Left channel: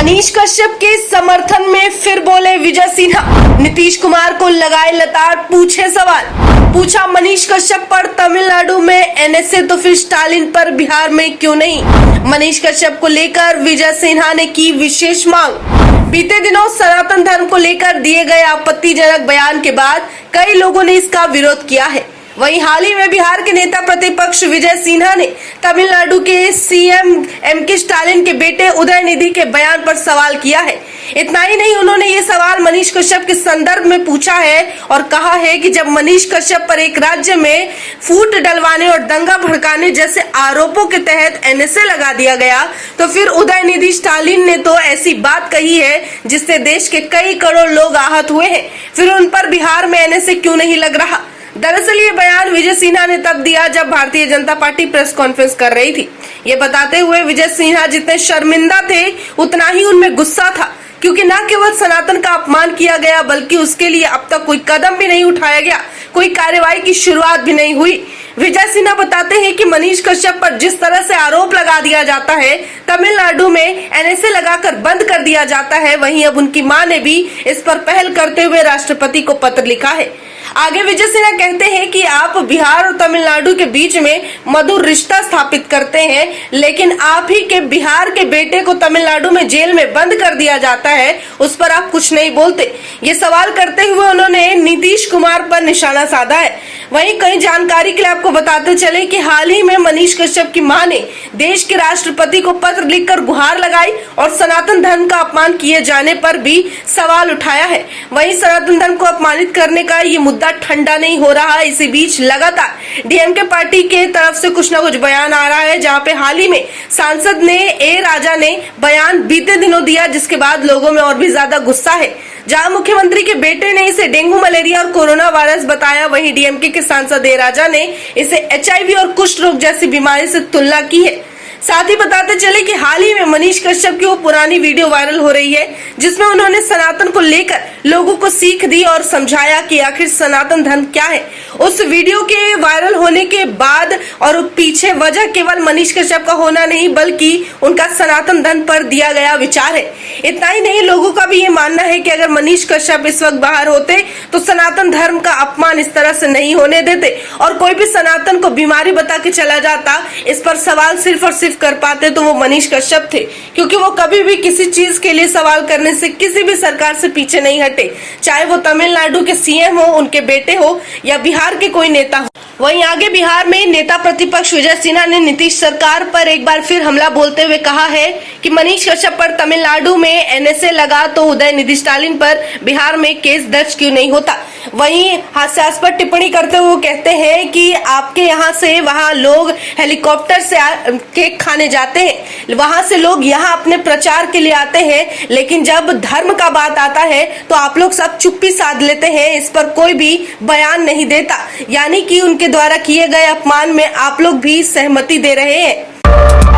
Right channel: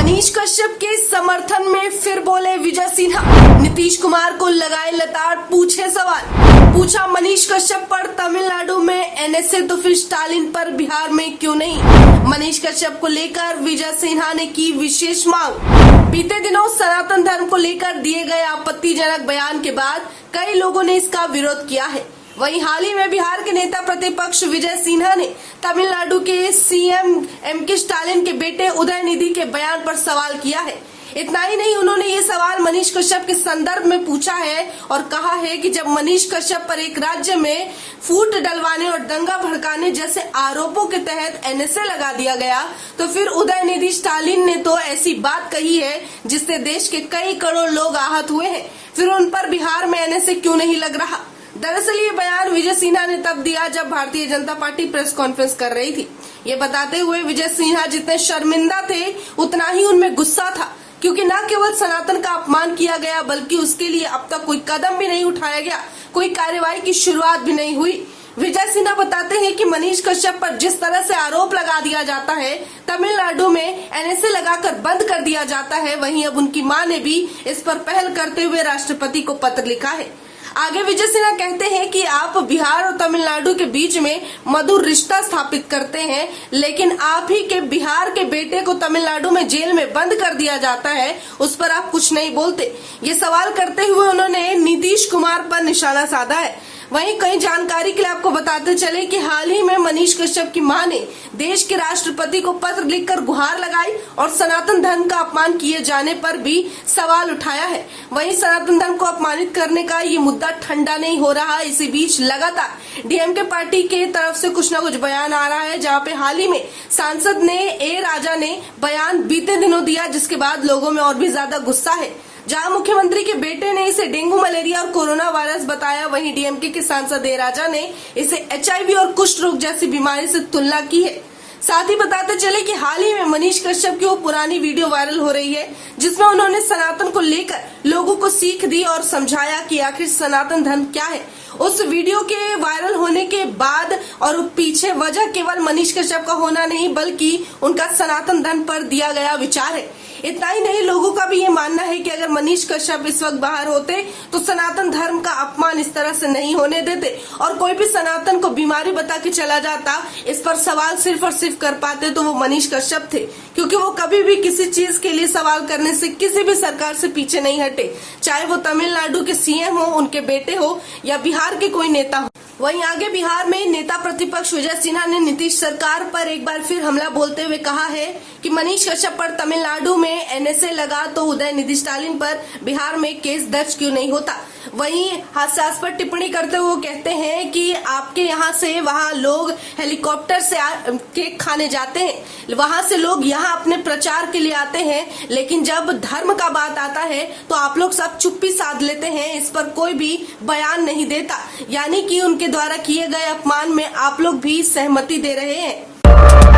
मनीष कश्यप के समर्थन में फिर बोले विजय सिन्हा। नीतीश कुमार को लगाए लताड़, पूछे सवाल। पूछा मनीष कश्यप पर तमिलनाडु में एनएसए तो फिर स्टालिन पर बिहार में क्यों नहीं। मनीष कश्यप को लेकर विजय सिन्हा ने की विशेष मांग। बीते दिनों सनातन धर्म को लेकर दिए गए आपत्तिजनक बयान के बाद कई लोगों ने इसका विरोध किया है। वहीं हाल ही में बिहार के नेता प्रतिपक्ष विजय सिन्हा ने तमिलनाडु के सीएम एमके स्टालिन के बेटे उदयनिधि के बयान पर सवाल किया है। इतना ही नहीं, उन्होंने ये सवाल मनीष कश्यप के संदर्भ में पूछा है और कहा है कि जब मनीष कश्यप पर एक राज्य में फूट डलवाने और दंगा भड़काने जैसे आरोपों के तहत एनएसए लगा दिया गया, तो फिर उदयनिधि स्टालिन ने तो ऐसी बात कही है जिससे देश के कई करोड़ लोग आहत हुए हैं, फिर उन पर बिहार में एनएसए क्यों नहीं लग रहा। दरअसल ये बयान विजय सिन्हा ने तब दिया जब Bharatiya Janata party press conference कर रही थी। ये बताते हुए विजय सिन्हा जितने शर्मिंदा थे उतना ही उनमें गुस्सा था, क्योंकि न केवल सनातन का अपमान किया गया बल्कि उसके लिए अब तक कोई कदम भी नहीं उठाया गया, कोई कार्रवाई की शुरुआत भी नहीं हुई। विजय सिन्हा बताते हैं कि मनीष कश्यप पर जिस तरह से आरोप लगा दिया जाता है, तमिलनाडु में एनएसए लगाकर बंद कर दिया जाता है, वहीं अब उनकी मां ने भी इस पर पहल करते हुए राष्ट्रपति को पत्र लिखा है। आगे विजय सिन्हा कहते हैं कि आप बिहार और तमिलनाडु के बीच में मधुर रिश्ता स्थापित करते हैं, लेकिन आप ही के बिहार के बेटे को तमिलनाडु में जेल में बंद कर दिया जाता है, उस पर आप कुछ नहीं बोलते। ये सवाल करते हुए उन्होंने नीतीश कुमार पर निशाना साधा है। वहीं कई जानकारी के लिए आपको बताते चले कि हाल ही में मनीष कश्यप की मां ने देश के राष्ट्रपति को पत्र लिखकर गुहार लगाई और सनातन धर्म का अपमान किए जाने पर भी सवाल उठाया है। वहीं सनातन धर्म को अपमानित करने का ये मुद्दा ठंडा नहीं हो रहा है। इसी बीच लगातार डीएमके पार्टी के तरफ से कुछ न कुछ बयान आ रहा है, जहां पे हाल ही में सांसद ने ए राजा ने बयान बीते दिनों दिया, जिसके बाद लोगों में और भी ज्यादा गुस्सा है। जहां मुख्यमंत्री के बेटे ने इसे डेंगू, मलेरिया और कोरोना वायरस बताया, वहीं डीएमके के सांसद ए राजा ने इसे एचआईवी और कुष्ठ रोग जैसी बीमारी से तुलना की है। साथ ही बताते चले कि हाल ही में मनीष कश्यप की वो पुरानी वीडियो वायरल हो रही है जिसमें उन्होंने सनातन को लेकर लोगों को सीख दी और समझाया कि आखिर सनातन धर्म क्या है। उस वीडियो के वायरल होने के बाद और पीछे वजह केवल मनीष कश्यप का होना नहीं बल्कि उनका सनातन धर्म पर दिया गया विचार है। इतना ही नहीं, लोगों का भी ये मानना है कि अगर मनीष कश्यप इस वक्त बाहर होते तो सनातन धर्म का अपमान इस तरह से नहीं होने देते और कोई भी सनातन को बीमारी बता के चला जाता। इस पर सवाल सिर्फ और सिर्फ कर पाते तो वो मनीष कश्यप थे, क्योंकि वो कभी भी किसी चीज के लिए सवाल करने से किसी भी सरकार से पीछे नहीं हटे, चाहे वो तमिलनाडु के सीएम हो, उनके बेटे हो या बिहार के कोई नेता हो। वहीं आगे बिहार में नेता प्रतिपक्ष विजय सिन्हा ने नीतीश सरकार पर एक बार फिर हमला बोलते हुए कहा है कि मनीष कश्यप पर तमिलनाडु में एनएसए लगा तो उदयनिधि स्टालिन पर बिहार में केस दर्ज क्यों नहीं होता। वहीं हास्यास्पद टिप्पणी करते हुए कहते हैं कि आपके यहाँ से वहाँ लोग हेलीकॉप्टर से केक खाने जाते हैं, वहां से लोग यहाँ अपने प्रचार के लिए आते हैं, लेकिन जब धर्म का बात आता है तो आप लोग सब चुप्पी साध लेते हैं, इस पर कोई भी बयान नहीं देता। यानी कि उनके द्वारा किए गए अपमान में आप लोग भी सहमति दे रहे हैं।